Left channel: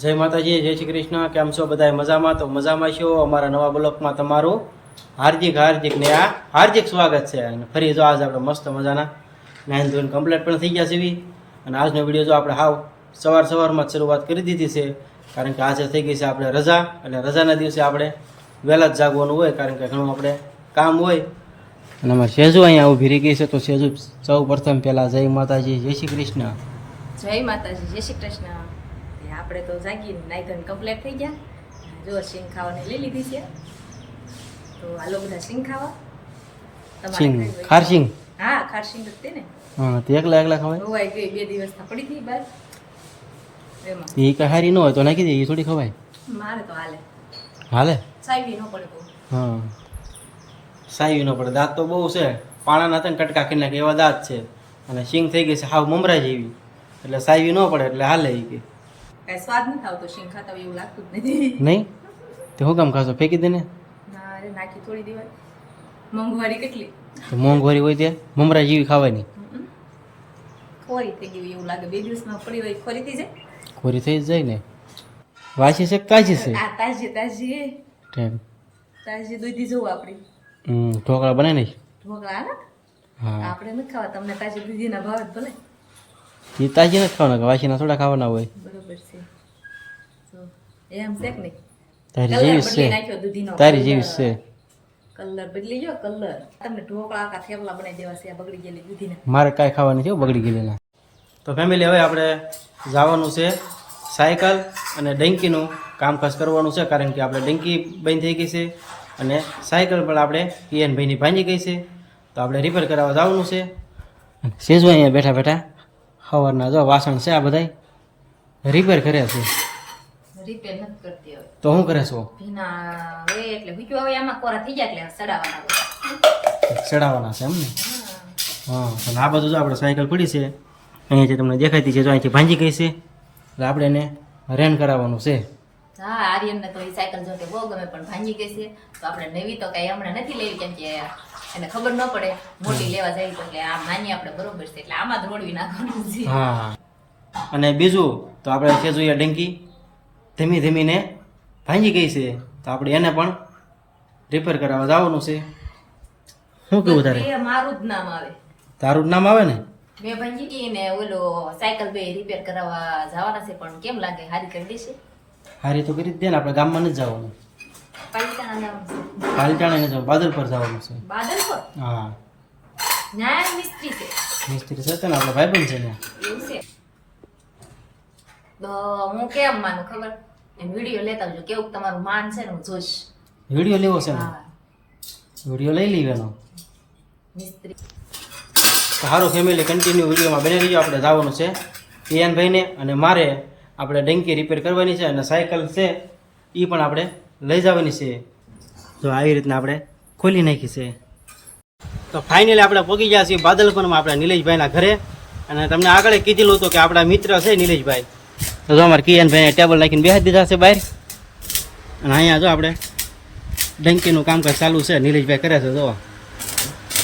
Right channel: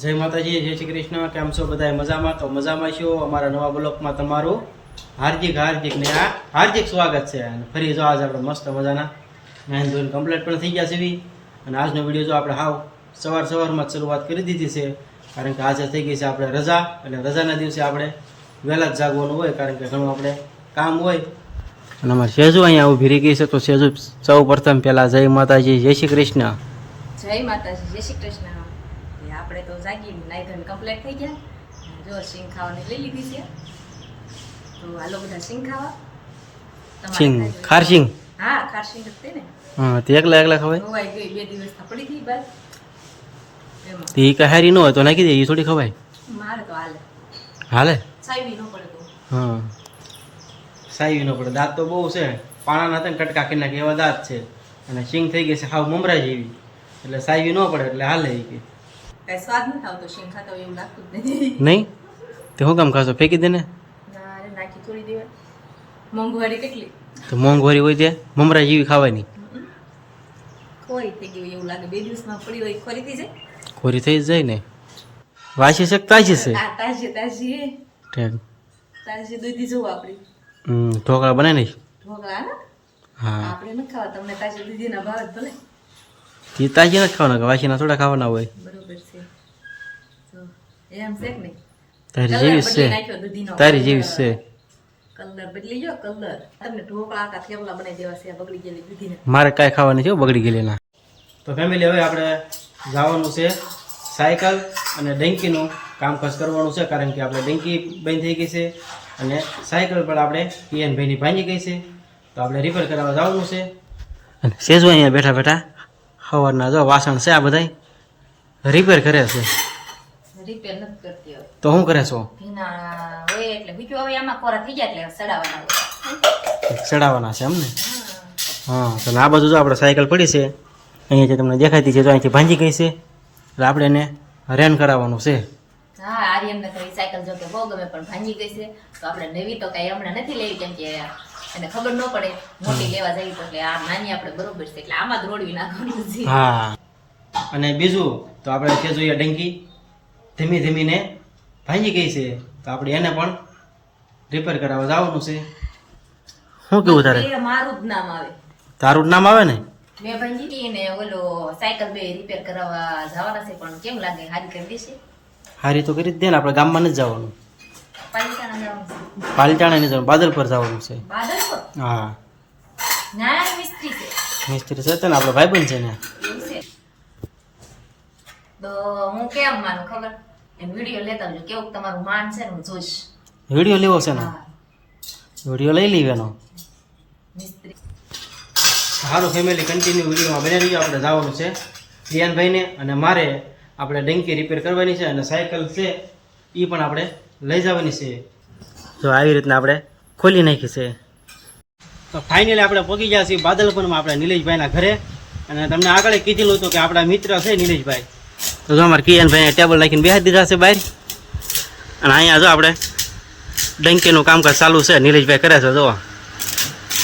જય માતાજી, જય શ્રી કૃષ્ણ. કેમ છો બધા? મજામાં? તો મજામાં છો. અમારા નવા બ્લોકમાં તમારું હાર્દિક ને હાર્દિક સ્વાગત છે. અને ફરી જો આજ આપણે મસ્ત મજાના નાઇન ધોઈને કમ્પ્લીટ પણ થઈ ગયા છે અને આજનો વિડીયો જો આપણે હાવ સવારમાં જ શરૂઆત કરી દીધી છે, કારણ કે આજે થઈ ગઈ છે આપણે રજા. અને રજાના દિવસે આપણે વહેલા જ જાગવાનું હોય, કારણ કે ઘણું આપણે કામ હોય. અને અમારે સેજુ અહીંયા ઊભી રહી ગઈ છે, તો સેજુ સૌ પ્રથમ પહેલાં જય માતાજી, જય શ્રી કૃષ્ણ. જય માતાજી, જય શ્રી કૃષ્ણ. આપણે તો જાગીને નાઈ ધોઈને કમ્પ્લીટ થઈ ગયા. જો સિંગ ખાવાની લઈ લીધી છે, તો હાલો બધા સિંગ ખાવા. સિંગ ખાર સિંગ? હા, ખાર સિંગ જ તે ને. હા, તે એકલા ખવાય? હોવાઈ ગઈ 2 દિવસ પડી હતી બસ. એમાં તે કહારી ન હોય તો નાખી દે, એ થોડી ખવાય. મારે તો હાલે સાઈવી ન પડે તો. હા, સાઈવી ન પડે. દાંત તો બહુ છે, પાણાના હતા ને કટકા કરી નાખે એવા દાંત છે. અને સિંગ થઈ ગઈ છે હાવ મમરા જેવી, એટલે સાઈવી ન પડે એટલે હાલે. કે કઈ સ્વાદ નથી આવતો સિંગ ખાતા હોય એવું લાગતું જ નથી. નહીં તે શું કામ ખાશો? ફેંકી દે ને. ના રે, નાખી થોડી દેવાય. મોંઘવારી કેટલી તો મોંઘવારી હોય તે મમરા જેવી ખાવાની. ખોરી થઈ ગઈ હોય એવું લાગે. 2 દિવસમાં પડી હોય ખોરી થઈ જાય. ખોરી થઈ જ જાય ને. વાસી છે કે તાજી છે? આ તાજી તાજી ઠીક. તાજી દૂધી જોવું આપણી. ઢોકળા બનાવી નહીં? ઢોકળા ને હા, આપણે નથી ખાવા, તમને તાજી દૂધીના ભાવ જ ભલે. તે તાજી નથી ખાવાના, વાસીના થોડા ખાવાના હોય. બરોબર છે. તો એમ છે કે નહીં? તારી કલર જેવી જ બદલી છે, નાખ્યો દૂધીનો. તારી જેવી જ છે. કલર બદલી ગયો કલર. તમને ઢોકળા કા થેપલા બનાવી દેવા છે આ બગડી ગયેલી દૂધીના. મારે કાંઈ ખાવાની છે બગડી ગયેલી ના. તો ફેમિલી, હવે આપણે જવાનું છે સાયકલ અને ડંકીનું કામકાજ કરવાનું છે, કારણ કે આપણે ડંકી બંધ થઈ ગઈ છે અને સાયકલ પણ આપણે પીએનભાઈની ભાંજી ગઈ છે, તો આપણે રિપેર કરાવવા જવાનું છે. અને સેજુ અહીંયા બેઠા બેઠા સવારના જો વાસણ છે આ બધા રિપેર કરે છે. રિપેર નથી કરતી હવે. તો શું કરે છો? ભીના હોય એટલે ભૂક્યો હવે આમાં કોરા થઈ જાય એટલે સડાવવાના હોય. ચડાવવાના છે એમને? હા, તો આ બાજુ જો આપણે સાયકલ પડી છે અહીંયા, જે તમને દેખાતી છે, જો અહીંથી ભાંજી ગઈ છે, એટલે આપણે એને રેન કરાવવાનું છે. હા, આર્યનને તો ઈ સાયકલ જો કે બહુ ગમે પણ ભાંગી ગઈ છે, તો આપણે નવી તો કઈ હમણાં નથી લેવી, કેમ કે એને ખબર ન પડે મોટી લેવા જવી તો. એટલે આ નાની આપણે બરોબર છે, એટલે આમાં જ રોડવી નાખવાનું છે. હા, અને બીજું તો આપણે છે જોઈએ ડંકી ધીમીને ભાંગી ગઈ છે, તો આપણે એને પણ રિપેર કરાવવા જવાનું છે. શું કેવું તારે? એ મારું જ નામ આવે. તારું જ નામ આવે ને? મેં ભાંગી ને ઓલો સાયકલ બે રિપેર કરાવવા જવાના છે, પણ કેમ લાગે હારી કરી દેશે? હારી તો કરી જ દે ને. આપણે ગામમાં નથી જવાનું, પાલિતાણા જવાનું છે. પાલિતાણા નથી જવાનું, બાદલ પર જવાનું છે. બાદલ પર? હા, ન્યાય મિસ્ત્રી છે. મિસ્ત્રી છે ને આપણો ભાઈબંધ છે ને. એવું છે તો હું કેમ માનું ખબર? એમ વિડીયો લેતા આવજો, કેવું તમારું માન છે ને હું જોઈશ. વિડીયો લેવો છે ને? હા, વિડીયો લઈ લેવાનો. મિસ્ત્રી. સારું ફેમિલી, કન્ટિન્યુ વિડીયોમાં બની રહીજો. આપણે જવાનું છે પિયાનભાઈને અને મારે આપણે ડંકી રિપેર કરવાની છે, અને સાયકલ છે એ પણ આપણે લઈ જવાની છે. જો આવી રીતના આપણે ખોલી નાખી છે. તો ફાઇનલી આપણે પહોંચી ગયા છીએ બાદલપુરમાં આપણે નિલેશભાઈના ઘરે. અને તમને આગળ કીધેલું હતું કે આપણા મિત્ર છે નિલેશભાઈ, તો જો અમારે કિયાનભાઈને ટેબલ નાખીને બેસી દીધા છે બહાર. અને અહીંયા જો આપણે ડંકીનું કામકાજ ચાલુ છે, નિલેશભાઈ કરે છે. જો આ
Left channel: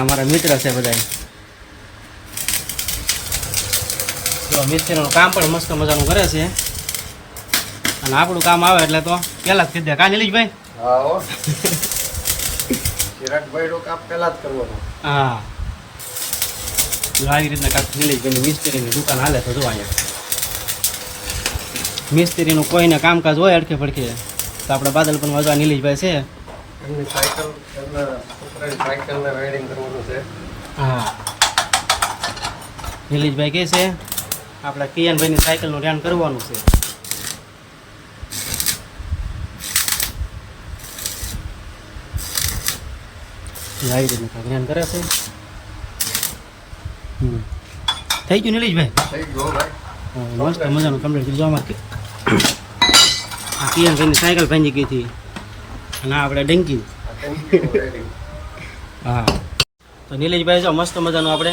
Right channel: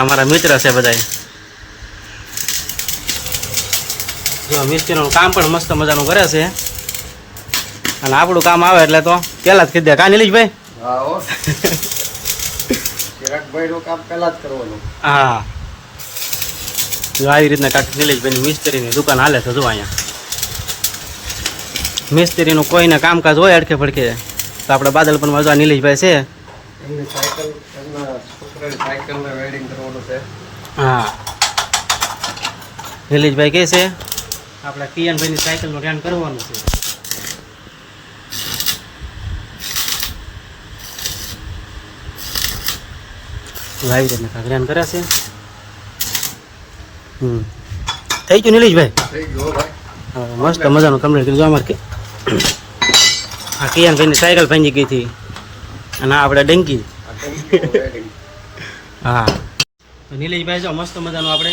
અમારા મિત્ર છે બધાય. જો મિસ્ત્રીનું કામ પણ મસ્ત મજાનું કરે છે, અને આપણું કામ આવે એટલે તો પેલા જ કીધે કા નિલેશભાઈ? હા, જો આવી રીતના કાંઈક નિલેશભાઈની મિસ્ત્રીની દુકાન હાલે છે. જો અહીંયા મિસ્ત્રીનું કોઈને કામકાજ હોય અડકે પડકે, તો આપણે બાદલપુરમાં જો નિલેશભાઈ છે. હા, નિલેશભાઈ કહે છે આપણા કિયાનભાઈની સાયકલનું રેન કરવાનું છે. આવી રીતના કાંઈક રેન કરે છે. થઈ ગયું નિલેશભાઈ? હા, મસ્ત મજાનું કમ્પ્લીટ કરી. જો અમારે આ કિયાનભાઈની સાયકલ ભાંગી ગઈ હતી, અને આપણે ડંકી. હા, તો નિલેશભાઈ જો મસ્ત મજાનું આપણે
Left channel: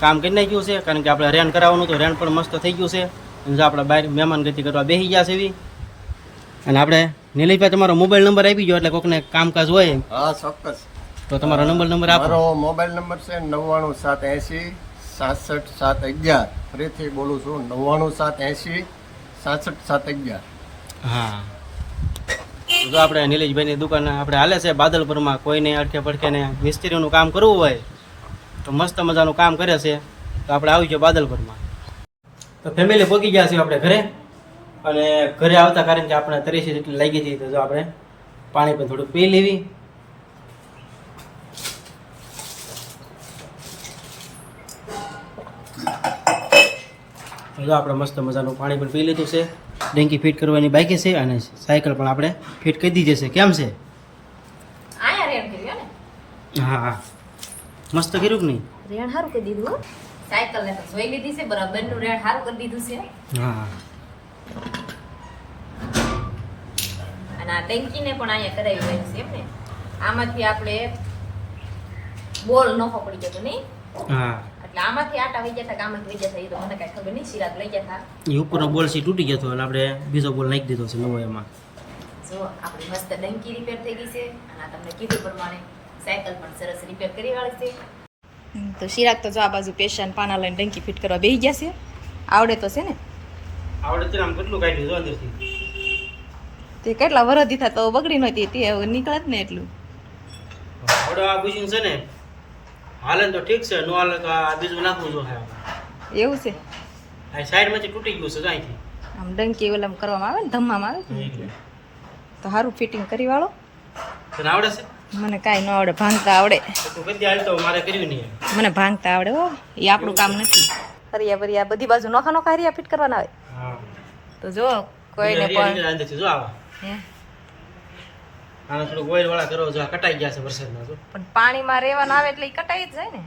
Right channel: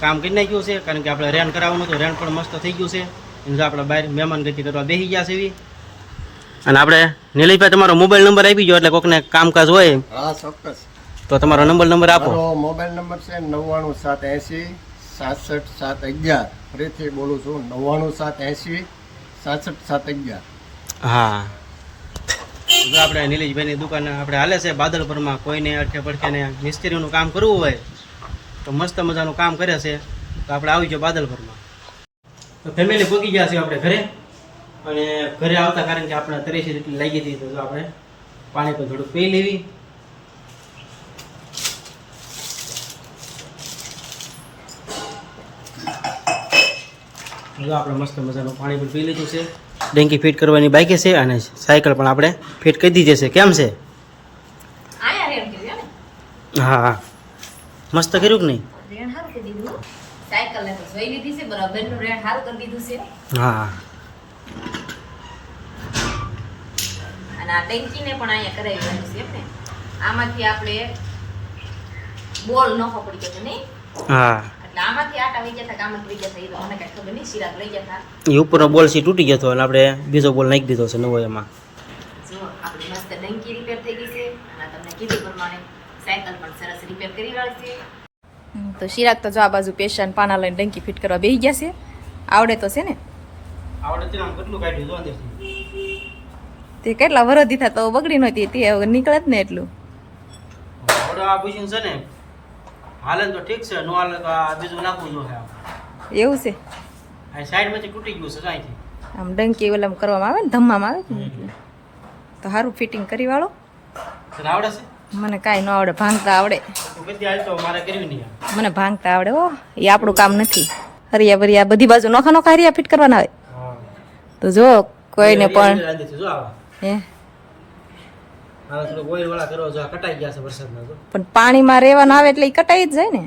કામ કરી નાખ્યું છે, કારણ કે આપણે રેન કરાવવાનું તો રેન પણ મસ્ત થઈ ગયું છે. અને જો આપણે બહાર મહેમાન ગતિ કરવા બેસી ગયા છે એવી. અને આપણે નિલેશભાઈ તમારો મોબાઈલ નંબર આપી ગયો, એટલે કોઈકને કામકાજ હોય. હા, ચોક્કસ. તો તમારો નંબર આપો. મારો મોબાઈલ નંબર છે 99780 67711. ફરીથી બોલું છું 99780 67 હા જો આપણે નિલેશભાઈની દુકાન આપણે હાલે છે બાદલપુરમાં. કોઈને અડકે પડકે ને મિસ્ત્રીનું કામ કરવું હોય તો મસ્ત મજાનું કામ કરે છે, તો આપણે આવી જાઓ બાદલપુરમાં. તો ફેમિલી પહોંચી ગયા છીએ આપણે ઘરે, અને ઘરે આવતા કારણ કે આપણે તરીસી જેટલી લાગી હતી, તો જો આપણે પાણી પણ થોડુંક પી લેવી. જો આપણે મસ્ત મજાનું પાણી પણ પી લીધું છે. ડેંકી ફિટ કરવાની બાકી છે, અને સાયકલ પણ આપણે ફિટ કરી દીધી છે. કેમ છે? આયા રેણ કર્યું ને? હા હા, મસ્ત કર્યું કે નહીં? રેણ સારું કરી દીધું હો. સાયકલ ને તો જોઈ લીધી છે, બરાબર નું રેણ સારું કરી દીધું છે. હા અને આ ટંકીને પણ અહીંયા કરાવી દીધું છે એમ ને. આમાંથી આપણે બોલ નફો પડી ગયો નહીં, હા, એટલે આમાંથી આટા વહી ગયા હતા, આમાંથી વહી ગયા હતા, એ તો મને કાંઈ ખબર નહીં. શિરાક લઈ ગયા હતા. એ ઉપરનો બોલ સી તૂટી ગયો હતો, અને આપણે બીજો બોલ નાખી દીધો છે નવો એમાં. જો આપણી મસ્ત ડંકી રિપેર થઈ ગઈ છે, અને તમને કીધું પ્રમાણે સાયકલ પણ સરસ રિપેર કરી વાળી છે. તો શિરાક તો જો આ બાજુ પેશન પાના લઈને ડંકી ફિટ કરવા બેસી ગયા છે. આવડે તો છે ને? આવડે છે ને, આમ કેટલું કાઢ્યું જો અંદરથી. તે કેટલા વરસ દીધા તો બગડી નહોતી, તે હવે નીકળે જ ને એટલું. આવડે આ મશીન છે ને, હાલે ને તો ઠીક છે, નો હાલે તો આ બીજું નાખવું જો હે આપણે. એવું છે? આ સાઈડમાંથી તૂટી ગયું છે અહીંથી. આમ ડંકી ઓલામ કરવામાં આવે ને, ધમ્મામાં આવે ને એટલે. તો સારું ફિટિંગ કરી વાળો. તને આવડે છે? મને કાંઈ ન આવડે, ભાંગતા આવડે. તું બધી હાલ તો મારે કર્યું નહીં. મને ભાંગતા આવડે હો, એ આપણું કામ નથી. હરિયા ભરિયા બધી બાજુ નોખા નોખા હરિયા ફિટ કરવાના આવે. હા, તો જો કોઈને પણ અંદરથી જો આવા હે આને થોડું ઓઇલ વાળા કરો, જો આ કટાઈ ગયા છે વરસાદના. જો પણ પાણીમાં રહેવાના આવે એટલે એ કટાઈ જ જાય ને.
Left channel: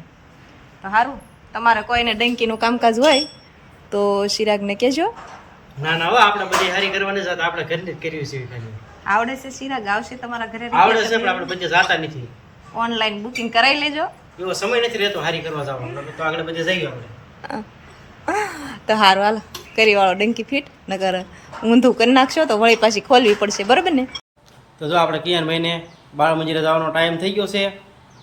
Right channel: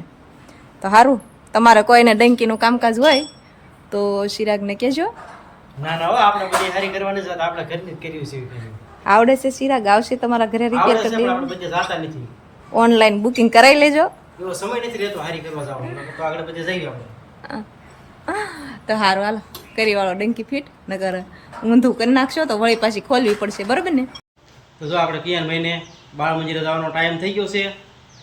તો સારું, તમારે કોઈને ડંકીનું કામકાજ હોય તો ચિરાગને કહેજો. ના ના, હવે આપણે બધી હારી કરવાની છે, આપણે ઘરની જ કરવી છે ખાલી. આવડે છે ચિરાગ? આવશે તમારા ઘરે આવડે રિપેર છે, કરી પણ આપણે બધે જાતા નથી. ઓનલાઈન બુકિંગ કરાવી લેજો. એવો સમય નથી રહેતો હારી કરવા જવાનો, તો આગળ બધે જઈએ આપણે. તો સારું, હાલો કરી વાળો ડંકી ફિટ. નકર ઊંધું કરી નાખશો તો વળી પાછી ખોલવી પડશે, બરાબર ને? તો જો આપણે કિયાનભાઈને બાળ મંદિરે જવાનો ટાઈમ થઈ ગયો છે,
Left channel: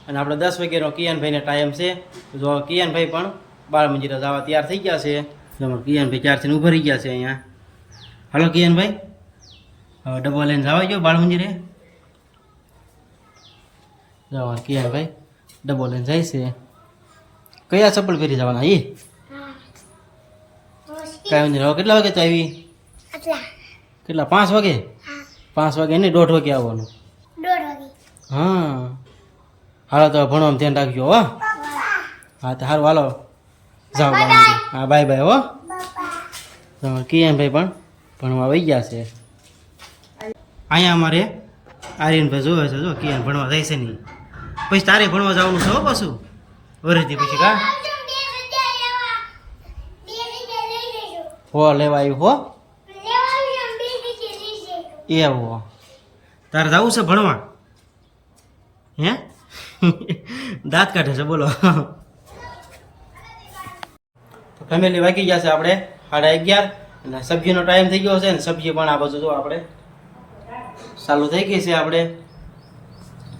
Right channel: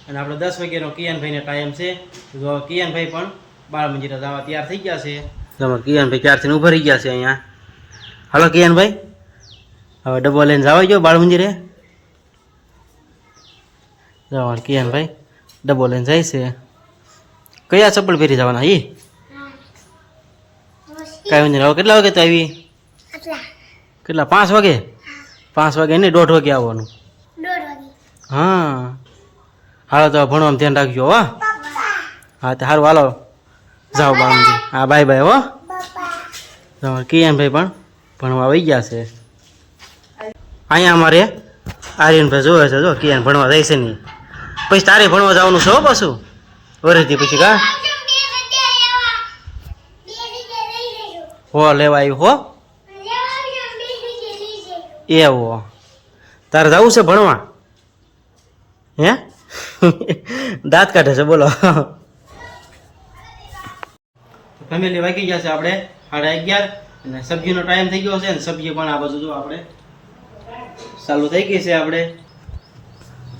અને આપણે 10 વાગ્યાનો કિયાનભાઈને ટાઈમ છે. તો જો કિયાનભાઈ પણ બાળ મંદિરે જવા તૈયાર થઈ ગયા છે. તો કિયાનભાઈ ક્યારથી ઊભા રહી ગયા છે અહીંયા. હાલો કિયાનભાઈ, હવે ડબ્બો લઈને જવા જો બાળ મંદિરે. જવા કિયાનભાઈ ડબ્બો લઈને જાય છે. કયા ચપ્પલ પહેરી જવાના? એ કાંઈ નહીં. હવે કેટલા વાગે તો આવી? કેટલા? 5 વાગે? 5 વાગે નહીં, 1:30 વાગે આવવાનું. હા, હાલો તો ભણવામાં ધ્યાન રાખજો હો. હા તો સારું, હાલો જાઓ બાળ મંદિર. હા, બાય બાય હો. તમારે કિયાનભાઈ પણ ભણવા આવી ગયા છે. અહીંયા અમારે આર્યનભાઈ જોવે છે, જો કિયાન ભણવા જાય છે નહીં. પછી તારે ભણવા જવાનું છે હો પાછું વરસથી પછી. કા હો લેવા આવ્યું હો? એવો તારે જવું છે ભણવા? હે દાંત કાઢે છે, બોલો. ફેમિલી વાગી ગયા છે આપણે 11:30, અને સબ્જીનો ટાઈમ થઈ ગયો છે, ને સબ્જી પણ આ બાજુ જો આપણે ચાલુ થઈ ગઈ છે આપણે.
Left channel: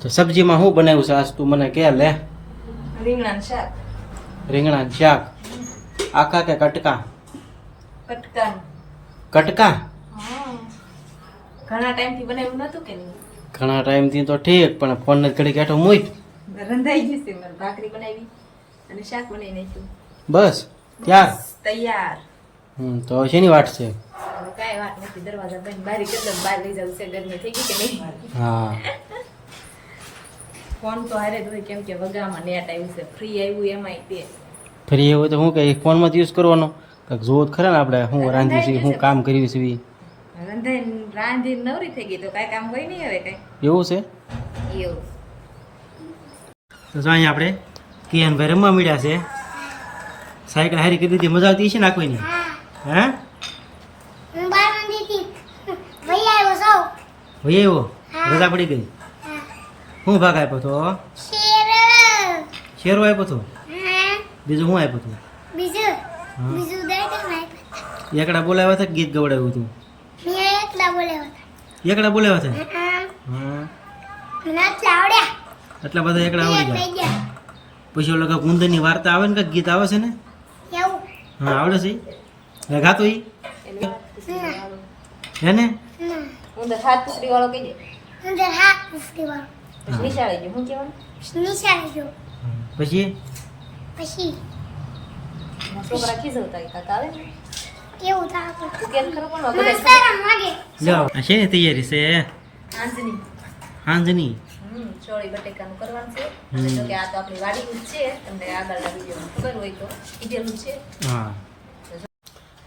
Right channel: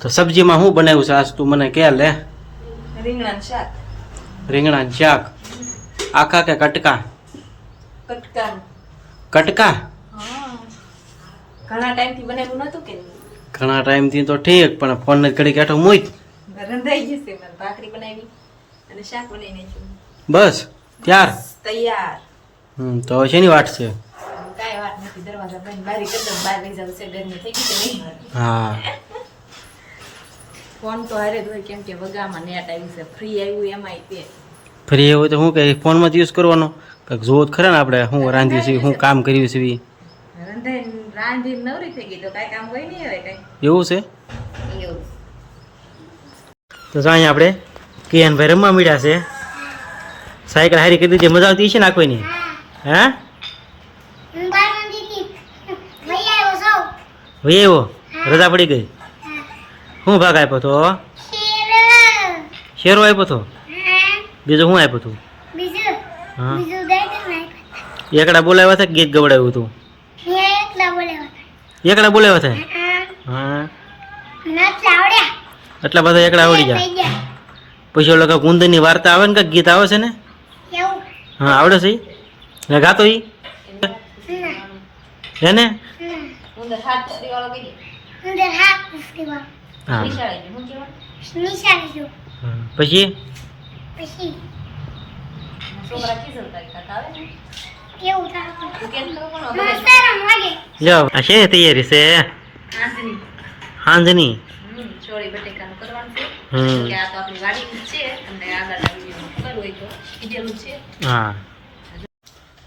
તો સબ્જીમાં શું બનાવ્યું છે આજ? તું મને કહે લે. રીંગણાનું શાક. રીંગણાનું શાક આખા કે કટકા? કટકાનું. કટકા? ઘણા ટાઈમથી બનાવ્યું નતું કે? ઘણા ટાઈમથી તો ઠીક, પણ ફોન ને ઘડી કાઢો મૂક. રંધાઈ ગયું છે. મારે ભાખરી બનાવી અને શાક બનાવી નાખ્યું. બસ ત્યાર? તૈયાર. તો હવે શેની વાટ છે? કાંઈ વાત નથી, દરવાજા બંધ બારી કરી દો, બહાર લઈ જવું છે. ગરમી થઈ ગઈ કે નહીં? હા, ફોન તો હારે જ હોય, કેમ કે વગામાં નેટ આવ્યું છે, ફ્રી આવ્યું એમાંય તે. ફરી એવું તો શું કે ફોનમાં જ યુઝ કરવાનો? કંઈક જોવું જ ખરા ને આપણે, શું રાંધ્યું છે, શું કામ કર્યું છે. રાંધી નવરી થઈ ગઈ તો કાંઈ કામ હોય નહીં હવે કાંઈ. એવું છે? એવું. તો અહીંયા આપણે કિયાનભાઈ રમવા મળ્યા છે. સાયકલ હારી કરી દીધી, મજા આવતી છે ને આખોની? હા, ભાઈ એવો રજા પડી ગઈ. શું ભાગ આપ્યો તો? શેરો આપ્યો તો? બીજું શું આપ્યું હતું? હા, એકડા બોલાવ્યા હતા કે ગીત ગવડાવ્યું હતું? એકડા બોલાવ્યા હતા? હા, એટલા બધા એકડા આવડી ગયા. પછી ઓલો કાંઈક ઉંદરની વાર્તા આવે ને, કાંઈક ગીત આવે છે ને? હા, આવડે છે. ગાતો ઈ હે ને ઉંદર હાથ પૂછડી વાળો કઈ હા નિશાળે ગયો હું કહેવાનું પછી છોકરા ખીજવતા કાકા આવે ને તું કેમ કરો પણ લ્યો આ છે તૈયારી છે હાંજની હાંજની ચોળી બટેકાનું કરવાનું છે હમ. કે આ તો આપણી વાડીની જ છે તમને આગળના વિડીયોમાં ખબર હોય તો કીધેલું છે હા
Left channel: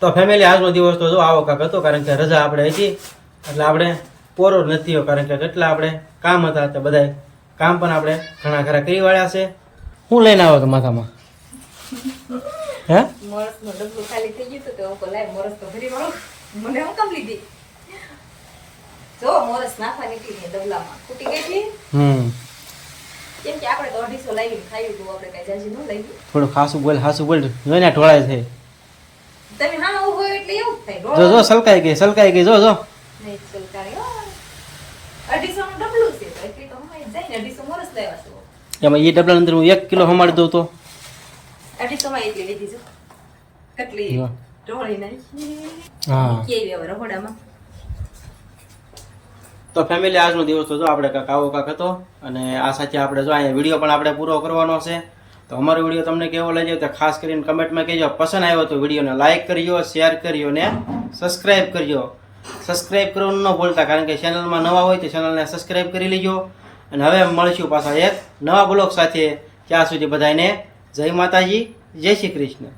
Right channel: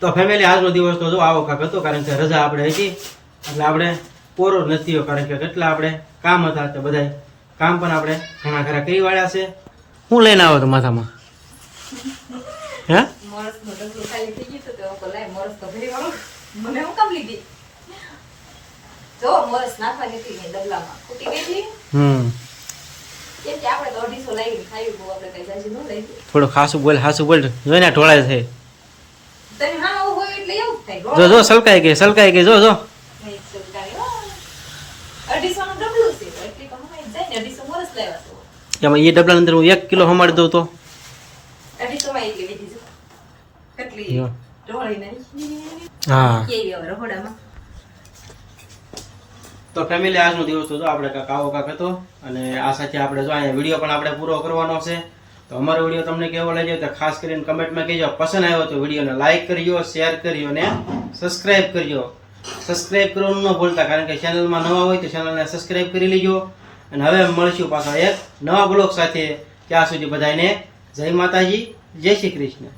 તો ફેમિલી આજનો દિવસ તો જો આવો કાંક હતો કારણ કે રજા આપણે હતી એટલે આપણે પૂરો જ નથી થયો કારણ કે કેટલા આપણે કામ હતા તે બધાય કામ પણ આપણે ઘણા ખરા કરી વાળ્યા છે શું લઈને આવો તો માથામાં હે મોરસનું ડબલું ખાલી થઈ ગયું તો હું કહું, લાય મોરસ તો ભરી વાળું મને હું કામ લીધી જો મોરસ નાખવાની હતી ને ડબલામાં ખૂટી ગઈ હતી કેમ કે આપણે તો 250 લાવીને ખાયું બહુ આપણે કઈ જાજી ન લાવી થોડું ખાસું બોલ જોઈને ઢોળાય છે તમે હા આવું હોય એટલે એવું જ થાય જો સલકાઈ ગઈ જો નહીં સરકારી 250 નું ડબલું છે તો એટલી તો હમાઈ જાય ને 250 મોરસ લેવા તો એમાં એ ડબલા અંદર હું 1 કિલો હમાડી દઉં તો 250 માં એટલી લીધી છે કેટલી જો. ઢોળી નાખી હા કેવી હવે રહોડામાં તો ફેમિલી આજનો દિવસ તો જો આપણે કાંક આવો કાંક હતો અને આ સાથે આપણે જો અહીંયા વિડીયો પણ આપણે પૂરો કરવાનો છે તો અમારો વિડીયો તમને કેવો લાગ્યો તો ખાસ કરીને કમેન્ટમાં કહેજો પસંદ આવ્યો તો વિડીયોને લાઇક કરજો શેર કરજો ને સબસ્ક્રાઇબ કરજો સબસ્ક્રાઇબ કરવાનું ન ભૂલતા કારણ કે ચેનલમાં નવા હોય તો ચેનલને સબસ્ક્રાઇબ કરી લેજો અને હવે મળીશું પાછા એક નવા બ્લોગ સાથે ત્યાં સુધી બધાને જય માતાજી જય શ્રી કૃષ્ણ